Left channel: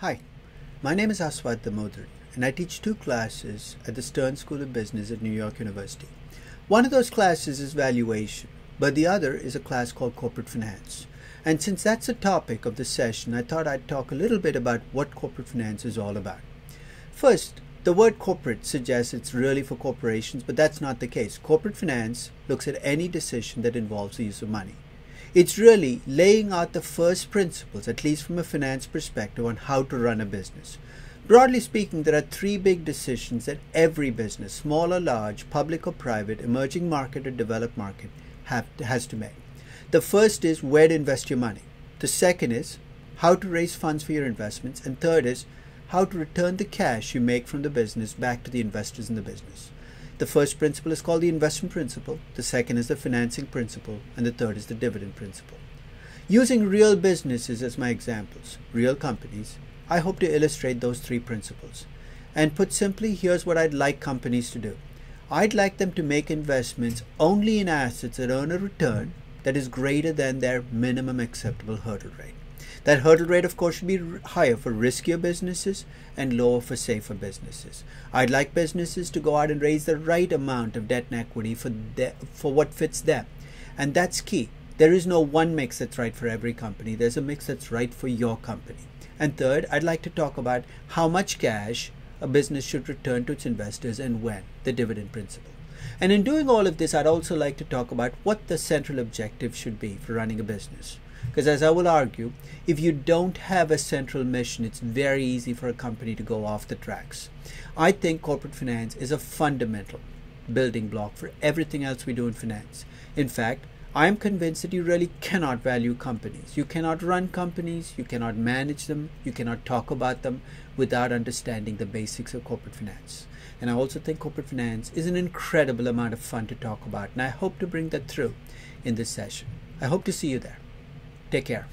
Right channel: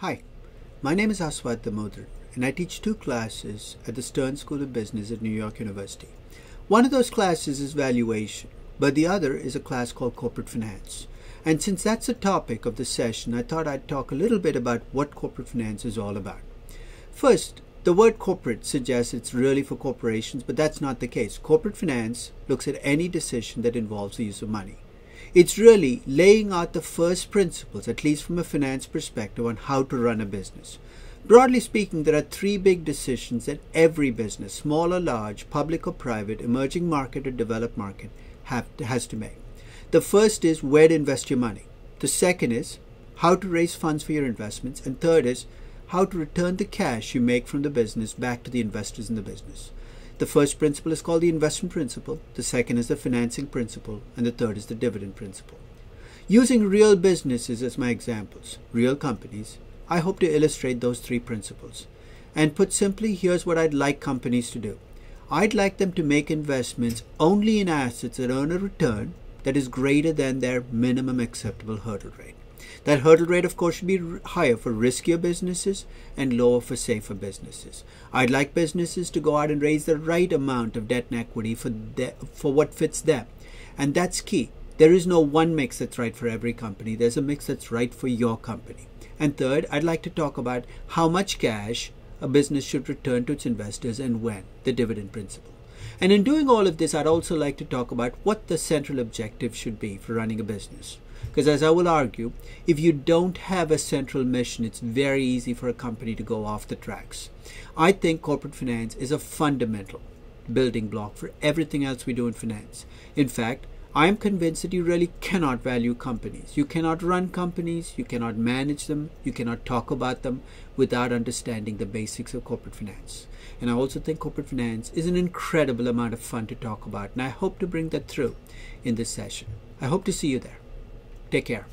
Hi, my name is Aswad Damodar, and I teach two classes at the Stern School of Business at New York University. One of those classes is valuation, but the other is a class called corporate finance. And since that's the topic of this session, I thought I'd talk a little bit about what corporate finance is all about. First, the word corporate suggests it's really for corporations, but that's not the case. Corporate finance looks at any decision that involves the use of money. It's really laying out the first principles, at least from a finance perspective, on how to run a business. Broadly speaking, there are three big decisions that every business, small or large, public or private, emerging market or developed market, has to make. The first is where to invest your money. The second is how to raise funds for your investments. And third is how to return the cash you make from the business back to the investors in the business. The first principle is called the investment principle, the second is the financing principle, and the third is the dividend principle. Using real businesses as my examples, real companies, I hope to illustrate those three principles. And put simply, here's what I'd like companies to do. I'd like them to make investments only in assets that earn a return that is greater than their minimum acceptable hurdle rate. That hurdle rate, of course, should be higher for riskier businesses and lower for safer businesses. I'd like businesses to go out and raise the right amount of debt and equity for what fits them. And that's key. There is no one mix that's right for every company. There's a mix that's right for your company. And third, I'd like to talk about how much cash a business should return to its investors and when, the dividend principle. And in doing all of this, I'd also like to talk about what the central objective should be for running a business. Because as I will argue, if you don't have a central mission, it's very easy for a company to go off the tracks. I think corporate finance is a fundamental building block for everything else we do in finance. In fact, I'm convinced that you really cannot value companies. You cannot run companies, you cannot manage them, you cannot talk about them without understanding the basics of corporate finance. And I also think corporate finance is an incredible amount of fun to talk about, and I hope to bring that through in this session. I hope to see you there. Take care.